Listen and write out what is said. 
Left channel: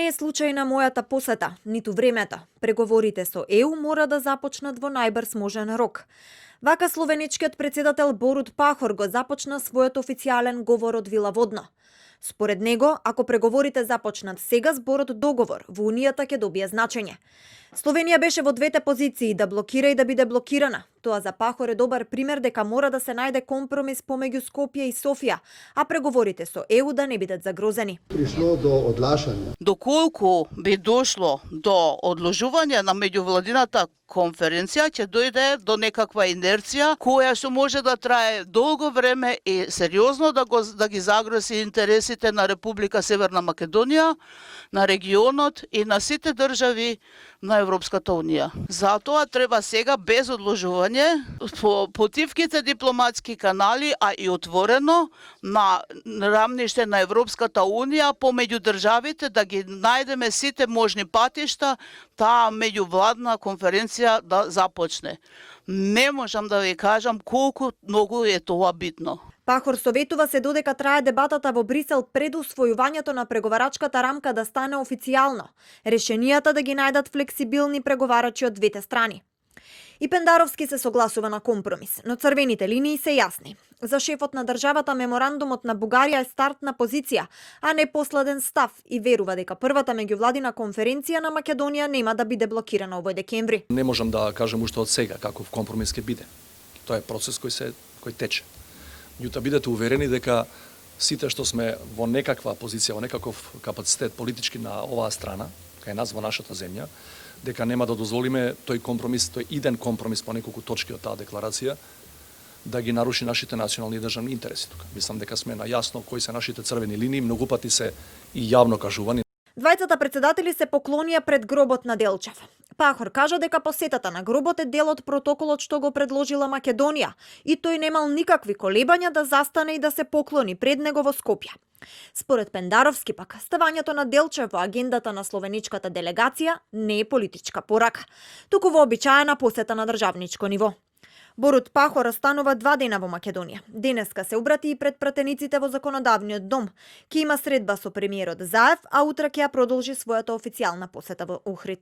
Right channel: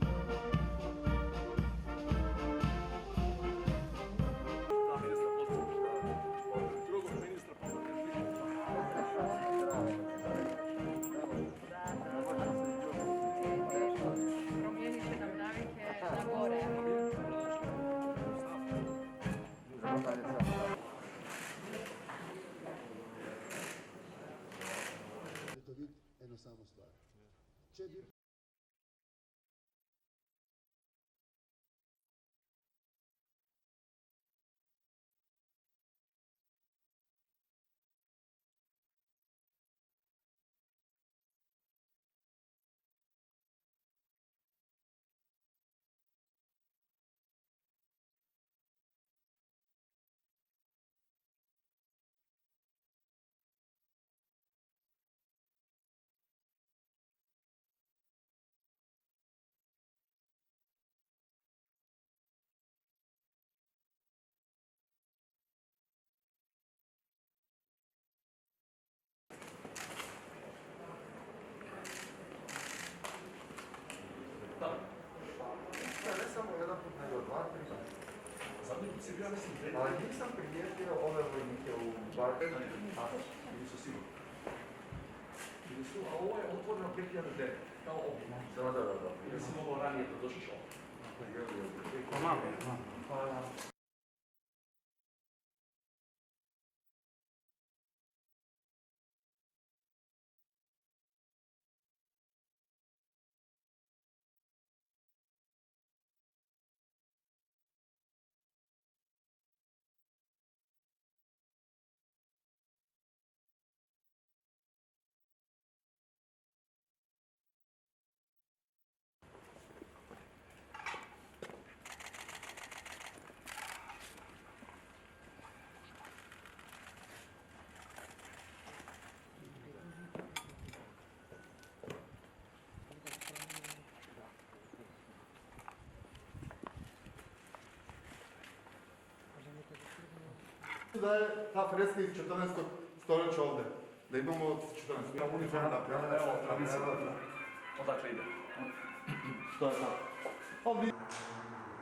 Не е случајна мојата посета, ниту времето. Преговорите со ЕУ мора да започнат во најбрз можен рок. Вака словеничкиот председател Борут Пахор го започна својот официјален говор од Вила Водно. Според него, ако преговорите започнат сега, зборот договор во Унијата ќе добие значење. Словенија беше во двете позиции, да блокира и да биде блокирана. Тоа за Пахор е добар пример дека мора да се најде компромис помеѓу Скопје и Софија, а преговорите со ЕУ да не бидат загрозени. Пришло до одлашања. Доколку би дошло до одложување на меѓувладината конференција, ќе дојде до некаква инерција која што може да трае долго време и сериозно да ги загрози интересите на Република Северна Македонија, на регионот и на сите држави на Европската Унија. Затоа треба сега без одложување по потивките дипломатски канали, а и отворено на рамниште на Европската Унија помеѓу државите да ги најдеме сите можни патишта таа меѓувладна конференција да започне. Не можам да ви кажам колку многу е тоа битно. Пахор советува се додека трае дебатата во Брисел пред усвојувањето на преговарачката рамка да стане официјално. Решенијата да ги најдат флексибилни преговарачи од двете страни. И Пендаровски се согласува на компромис, но црвените линии се јасни. За шефот на државата меморандумот на Бугарија е стартна позиција, а не последен став и верува дека првата меѓувладина конференција на Македонија нема да биде блокирана овој декември. Не можам да кажам уште од сега каков компромис ќе биде. Тоа е процес кој тече. Меѓутоа бидете уверени дека сите што сме во некаква позиција, во некаков капацитет политички на оваа страна, кај нас во нашата земја, дека нема да дозволиме тој компромис, тој иден компромис по неколку точки од таа декларација, да ги наруши нашите национални и државни интереси тука. Мислам дека сме најасно кои се нашите црвени линии, многу пати се и јавно кажувани. Двајцата председатели се поклонија пред гробот на Делчев. Пахор кажа дека посетата на гробот е дел од протоколот што го предложила Македонија и тој немал никакви колебања да застане и да се поклони пред него во Скопје. Според Пендаровски пак, ставањето на Делчев во агендата на словеничката делегација не е политичка порака, туку вообичаена посета на државничко ниво. Борут Пахор останува 2 дена во Македонија. Денеска се обрати и пред пратениците во законодавниот дом. Ќе има средба со премиерот Заев, а утре ќе ја продолжи својата официјална посета во Охрид.